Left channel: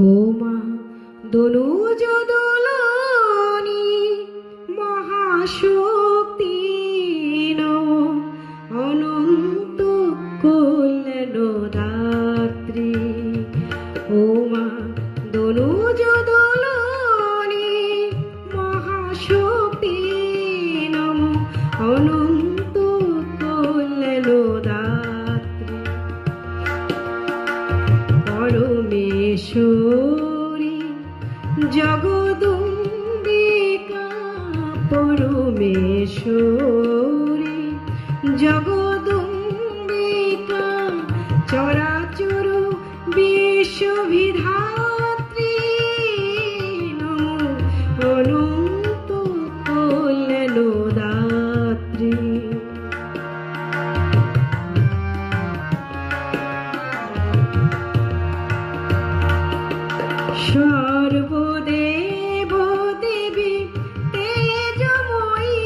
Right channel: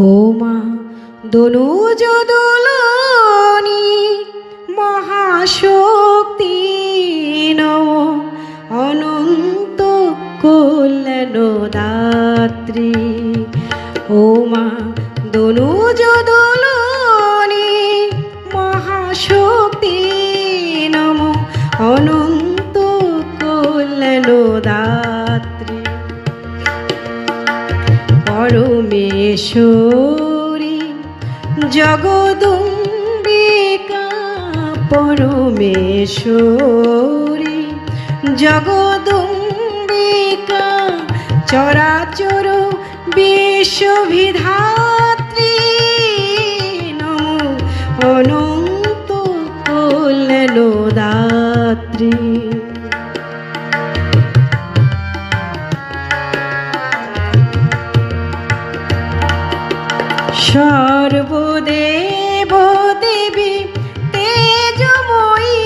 ও মা দনুজ দোলনি মহাশক্তি নম অনন্ত কল্যাণ দাত্রী। ও মা দনুজ দোলনি মহাশক্তি নম অনন্ত কল্যাণ দাত্রী। পরমেশ্বরী জগদম্বিকা পরমেশ্বরী জগদম্বিকা চরাচর বিশ্ববিধাত্রী নমো অনন্ত কল্যাণ দাত্রী। সর্বদেব দেবী তেজময়ী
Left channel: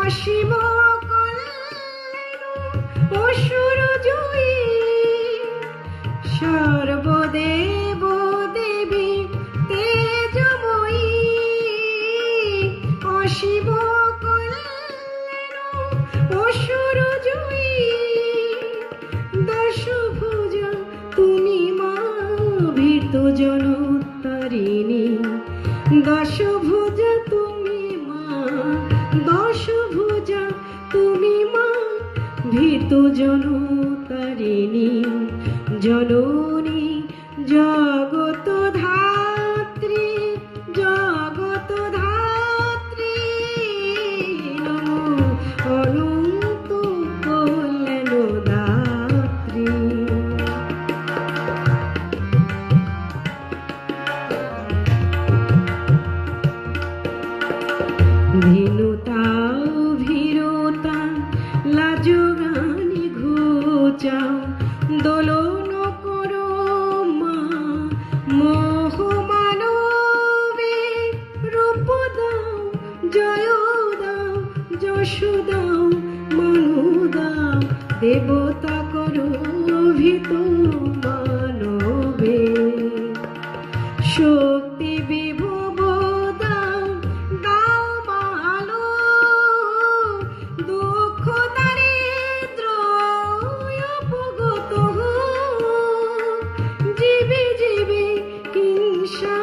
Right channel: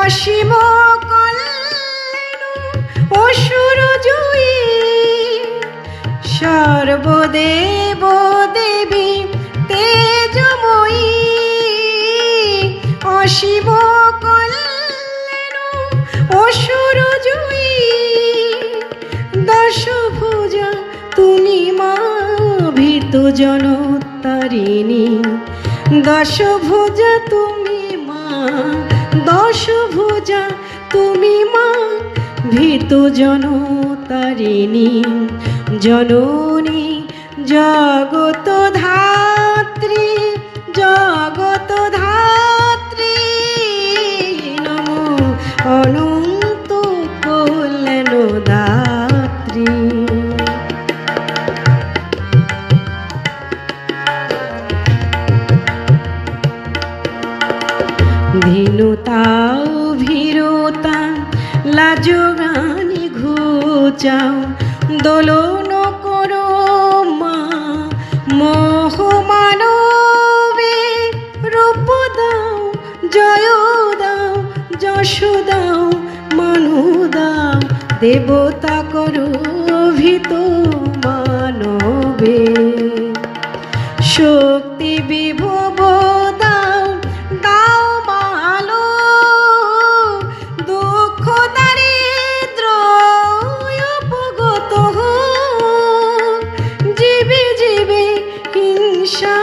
অসীম কল্যাণ অসুর জয়ী। সর্বদেব দেবী তেজময়ী অসীম কল্যাণ অসুর জয়ী। দশভুজা তুমি মা ভীত জনতারিণী। দশভুজা তুমি মা দশভুজা তুমি মা ভীত জনতারিণী। জননী জগত ধাত্রী জগত ধাত্রী নমো অনন্ত কল্যাণ দাত্রী। ধীনতা ভীরতা লাজগানি ঘুচাও দোলন করো মা মোহ মানবে। রূপ দাও জয় দাও যশ দাও মনু দাও দেবতা করো ভীত মানবে। শক্তি বিভব দাও দাও মালো দুঃখ দারিদ্র অপগত জীবে জীবে হিংসা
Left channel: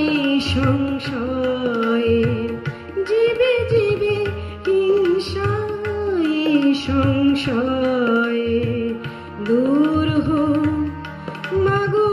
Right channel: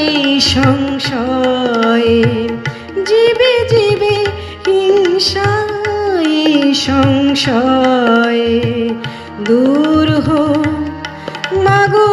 এই সংশয়ে। জীবে জীবে হিংসা এই সংশয়ে দূর হোক মাগো